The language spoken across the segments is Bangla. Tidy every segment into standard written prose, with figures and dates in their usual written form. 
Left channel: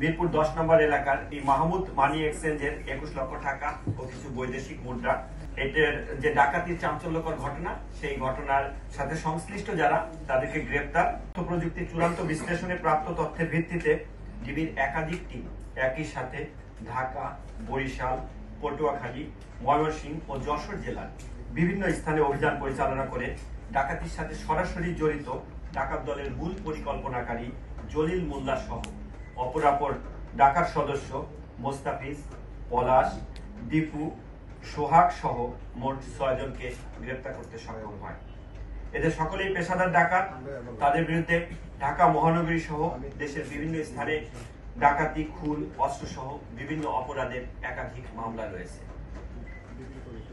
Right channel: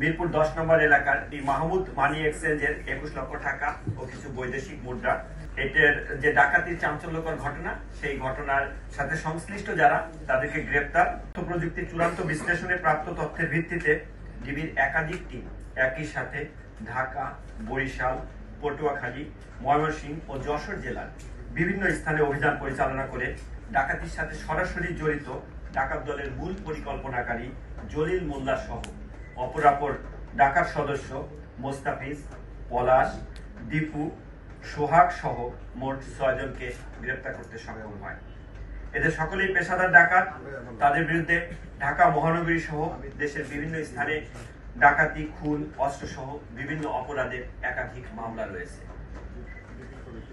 মিরপুর 10 নম্বর এলাকার এই মাহমুদ মানি এক্সচেঞ্জের 21 লক্ষ টাকা ও কিছু বৈদেশিক মুদ্রা, এটার যে ডাকাতির চাঞ্চল্যকর ঘটনা, সেই ঘটনার সাথে সংশ্লিষ্ট যারা তাদেরকে গ্রেপ্তার। তথ্য প্রযুক্তির চূড়ান্ত বিশ্লেষণে প্রাপ্ত তথ্যের ভিত্তিতে ডিবির একাধিক টিম একই সাথে ঢাকা, বরিশাল, পটুয়াখালী, ময়মনসিংহ ও যশোর জেলার বিভিন্ন স্থানে অভিযান পরিচালনা করে ডাকাতির সাথে সরাসরি জড়িত ডাকাত দলের মূল পরিকল্পনাকারী জলিল মোল্লা সহ অপরাপর ডাকাত সদস্য মোস্তাফিজ, পলাশ, দীপু, সোহাগ সহ মোট 6 জনকে গ্রেপ্তার করতে সক্ষম হয়। এদের সকলেই পেশাদার ডাকাত। তাদের বিরুদ্ধে ঢাকা মহানগরী সহ দেশের বিভিন্ন স্থানে ডাকাতি, খুন, অস্ত্র সহ বিভিন্ন অপরাধের একাধিক মামলা রয়েছে।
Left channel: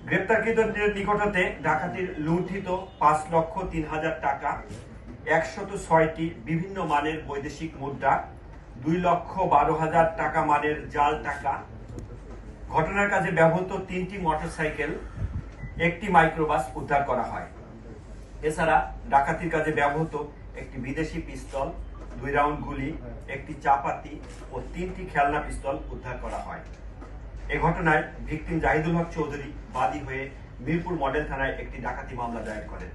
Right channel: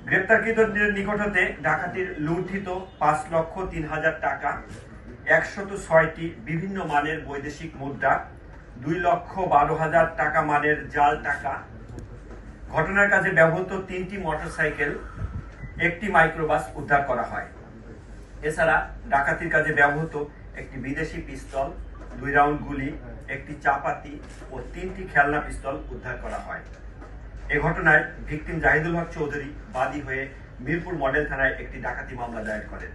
গ্রেপ্তারকৃতদের নিকট হতে ডাকাতির লুণ্ঠিত 5,03,000 টাকা, 106টি বিভিন্ন মানের বৈদেশিক মুদ্রা, 2,12,000 টাকা মানের জাল টাকা, ঘটনার কাজে ব্যবহৃত 3টি মোটরসাইকেল, 1টি মাইক্রোবাস উদ্ধার করা হয়। এছাড়া ডাকাতির কাজে ব্যবহৃত একটি বিদেশি পিস্তল, 2 রাউন্ড গুলি, একটি চাপাতি ও 3টি খেলনা পিস্তল উদ্ধার করা হয়। এ ঘটনায় ভিকটিম জাহিদুল হক চৌধুরী বাদী হয়ে মিরপুর মডেল থানায় একটি ডাকাতি মামলা দায়ের করেন।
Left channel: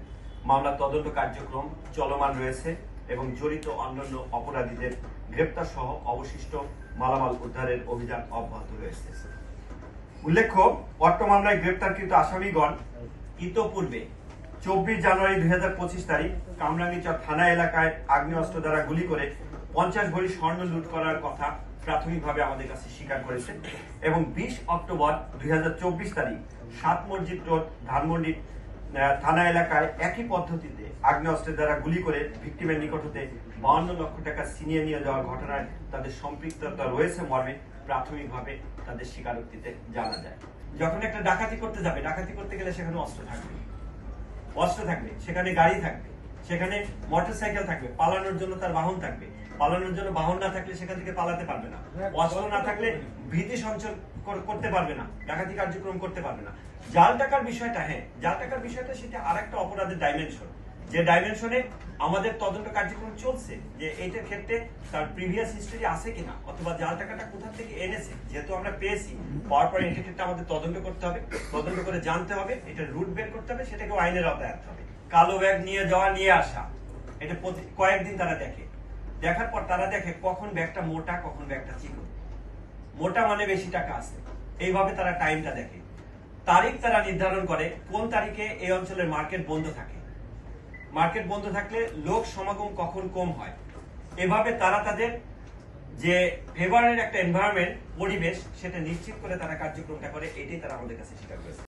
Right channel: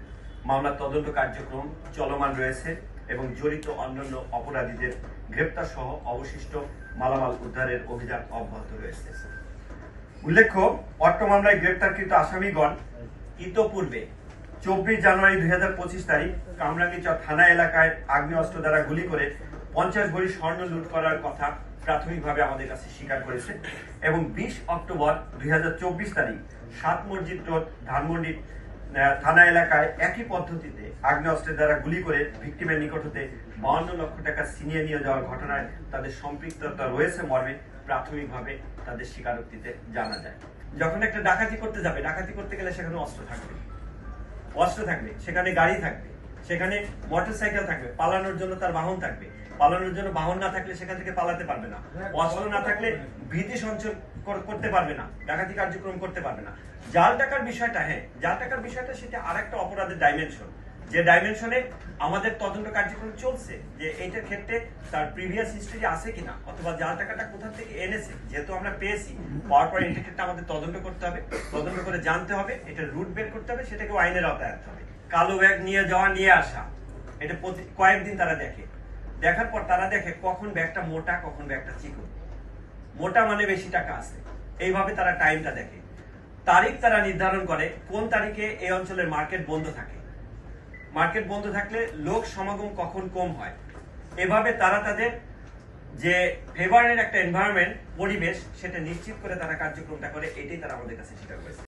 মামলার তদন্ত কার্যক্রম চলমান রয়েছে এবং জড়িত অন্যান্য অপরাধীদের গ্রেপ্তার সহ অবশিষ্ট মালামাল উদ্ধারের অভিযান অব্যাহত রয়েছে। উল্লেখ্য, অট্ট মামলায় গ্রেপ্তারকৃত আসামিগণ ইতোপূর্বে 24 জানুয়ারি 2025 তারিখ কামরাঙ্গীচর থানা এলাকায় আগ্নেয়াস্ত্র দ্বারা গুলি করে 50 ভরি স্বর্ণ লুট করার কথা প্রাথমিকভাবে আমাদের কাছে স্বীকার করেছে এবং 20 অক্টোবর 2024 তারিখ 7 মসজিদ রোড ধানমন্ডি থানা এলাকায় একই পদ্ধতিতে আগ্নেয়াস্ত্রের দ্বারা গুলি করে ভিকটিমের নিকট হতে 52 লক্ষ টাকা ছিনিয়ে নিয়ে যাওয়ার ঘটনায় তাদের সম্পৃক্ততা রয়েছে মর্মে প্রাথমিকভাবে তাদের স্বীকারোক্তিতে জানা যায়। যখন একটা ডাকাতি করতে যাবে, ডাকাতি করতে গেলে সেখানে অস্ত্র থাকবে, সেখানে গাড়ি থাকবে, সেখানে মোটরসাইকেল থাকবে, পালানোর জন্য তার বাহন থাকবে, পালানোর জন্য বাহন না থাকলে সেখান থেকে পালাতে পারবে না, অস্ত্র না থাকলে ভীতি সঞ্চার করতে পারবে না, ডাকাতি কার্যক্রম করতে পারবে না। জাল টাকার বিষয়টা, জাল টাকার বিষয়টা সেটা আরেকটা অপরাধের ডাইমেনশন, যে ডাইমেনশনে আমাদের তদন্ত কার্যক্রম চলছে যে এইটার ক্ষেত্রে তার প্রিভিয়াস হিস্টরি আছে কিনা, অথবা জাল টাকাটা কোথা থেকে এনেছে। যেহেতু আমরা পেয়েছি, পাওয়ার পর এন্টিটিটা আমাদের তদন্ত করতে হবে, তদন্ত করে জানতে হবে, এটার রুট বের করতে হবে, সেটাকে আইনের আওতায় আনতে হবে। কালো ব্যাগ নিয়ে যাওয়া, নিয়ে আসা, এটা কয়েকদিন তারা দেখার পর তারা দেখে কখন ব্যাগটা মোটা, কখন ব্যাগটা চিকন। মোটা মানে বেশি টাকা আছে, এইভাবে তারা টাইমটা দেখে। তারিখ তারা নির্ধারণ করে কোন তারিখে এই অঞ্চলের মার্কেট বন্ধ থাকে, মার্কেট বন্ধ থাকলে লোক সমাগম কখন কম হয়। এভাবে তারা তাদের যে ফেভারের একটা এনভায়রনমেন্ট, পরিবেশ, সেটা নিশ্চিত করে তারা কার্যক্রমটা করে। এটাই তারা আমাদের কাছে স্বীকার করেছে।